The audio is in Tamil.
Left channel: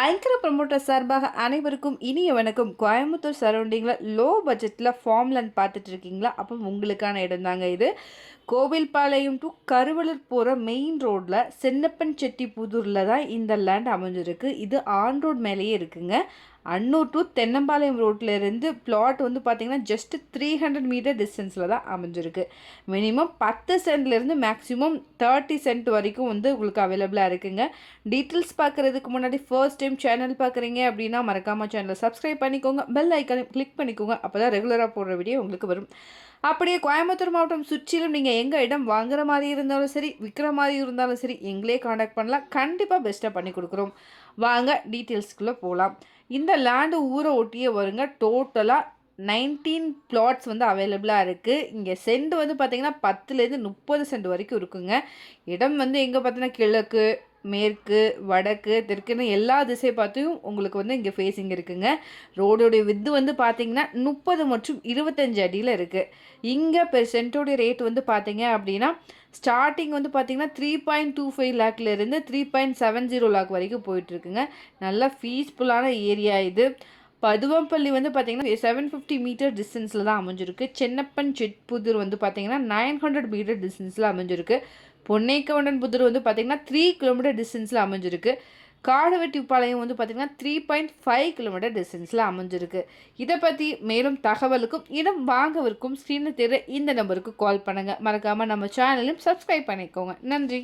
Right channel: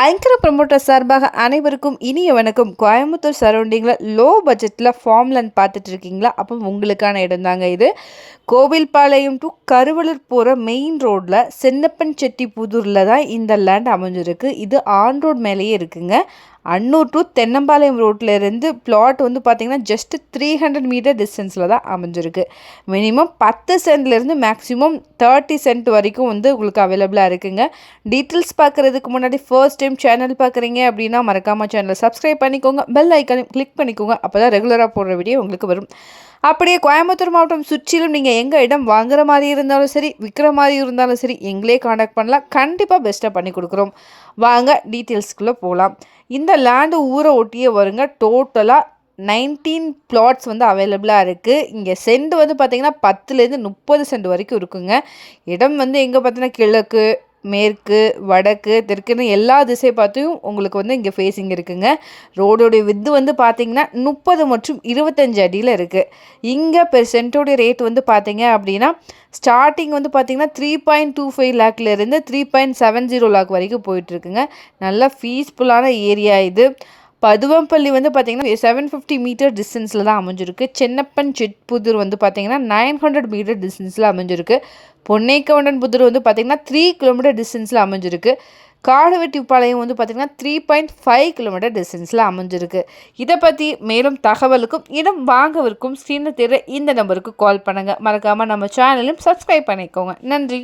ஐங்கர ப்ரமோட்டர் சார்பாக அனைவருக்கும் இனிய வணக்கம் கோயம்புத்தூர் சரௌண்டிங்கில் லோ பட்ஜெட்டில் ஃபார்ம் லேண்ட் பார்த்துட்டு இருக்கீங்களா அப்போ உங்களுக்கான இடம் தாங்க இது. கோவில்பாளையம் டு கருவலூர் போகிற மெயின் ரோட்டில் சென்னப்பன் செட்டி புதூரில் தான் இந்த லேண்ட் அமைஞ்சிருக்கு. இது ஆன் ரோட் மேலேயே இருக்குங்க. அன்னூர் டு தென்னம்பாளையம் ரோட்டில் இருந்து பிளாட் வந்து பார்த்திங்கன்னா ஜஸ்ட்டு த்ரீ ஹண்ட்ரட் மீட்டர் டிஸ்டன்ஸில் தான் அமைஞ்சிருக்கு. மினிமம் பத்து சென்ட்லேருந்து மேக்ஸிமம் தேர்ட்டி சென்ட் வரைக்கும் வந்து உங்களுக்கு அவைலபிளாக இருக்குங்க. டீட்டெயில்ஸ் பார்க்குறதுக்கு முன்னாடி ஃபர்ஸ்ட் டைம் சேனல் பார்க்குறீங்க அப்படின்னா மறக்காமல் சேனலை சப்ஸ்கிரைப் பண்ணிக்கோங்க. பெல் ஐக்கானையும் கிளிக் பண்ணிக்கோங்க. அப்போ தான் ரெகுலராக போடுற வீடியோ உங்களுக்கு வரும். அப்படியே கோயம்புத்தூர் மாவட்டம் சுற்றிலும் நீங்கள் எங்கள் இடம் வாங்குற மாதிரி இருந்தாலும் சரி விற்கிற மாதிரி இருந்தாலும் சரி எங்களே காண்டாக்ட் பண்ணலாம். கண்டிப்பாக பெஸ்ட்டாக பண்ணி கொடுக்குறோம். வாங்க டீட்டெயில்ஸ்க்குள்ளே போகலாம் இந்த லேண்டு ஊரை ஒட்டியே வருங்க டோட்டலாக நைன்டீன் பிளாட்ஸ் வந்து அவைலபிளாக இருக்குது இங்கே சென்ட் வந்து பார்த்திங்கன்னா பத்துலேருந்து முப்பது சென்ட் வரைக்கும் இருக்குங்க. இடம் வந்து எங்கே பார்த்தீங்கன்னா கிழக்கு மேற்கு வடக்கு தெற்குன்னு எல்லா திசை பார்த்தும் உங்களுக்கு வந்து இங்கே ஃபேஸிங் இருக்குங்க. ரோடோடைய வித்து வந்து பார்த்திங்கன்னா முப்பது மற்றும் இருபத்தஞ்சு அடியில் இருக்குது இங்கே பெர் சென்ட்டோடைய ரேட் வந்து பார்த்திங்க அப்படின்னா ஸ்டார்டிங் வந்து பார்த்திங்கன்னா three point two five லேக்லேருந்து three point seven zero lakh வரைக்கும் போயிட்டுருக்குங்க. நல்லா ஃபீஸ்ஃபுல்லான ஏரியா இது. பதுவம்பள்ளி வந்து பார்த்திங்கன்னா செவன் ஃபிஃப்டி மீட்டர் டிஸ்டன்ஸில் தான் அமைஞ்சிருக்கு. சென்னப்பன் செட்புதூர் வந்து பார்த்திங்கன்னா நைன் ஹண்ட்ரட் மீட்டர் டிஸ்டன்ஸில் அமைஞ்சிருக்கு. பொன்னைக்கவுண்டன் புதூர் வந்து பார்த்திங்கன்னா த்ரீ கிலோமீட்டர் டிஸ்டன்ஸில் அமைஞ்சிருக்கு. காடுவெட்டிப்பாளையம் வந்து பார்த்திங்கன்னா த்ரீ பாயிண்ட் ஃபைவ் கிலோமீட்டர் டிஸ்டன்ஸில் அமைஞ்சிருக்கு. இதை பற்றி மேலும் தகவலுக்கும் இடம் வாங்கவிருக்கும் சின்ன தெரு இந்த நம்பருக்கு கால் பண்ணுங்கள் மறக்காமல் நம்ம சேனலையும் சப்ஸ்கிரைப் பண்ணிக்கோங்க. நன்றி.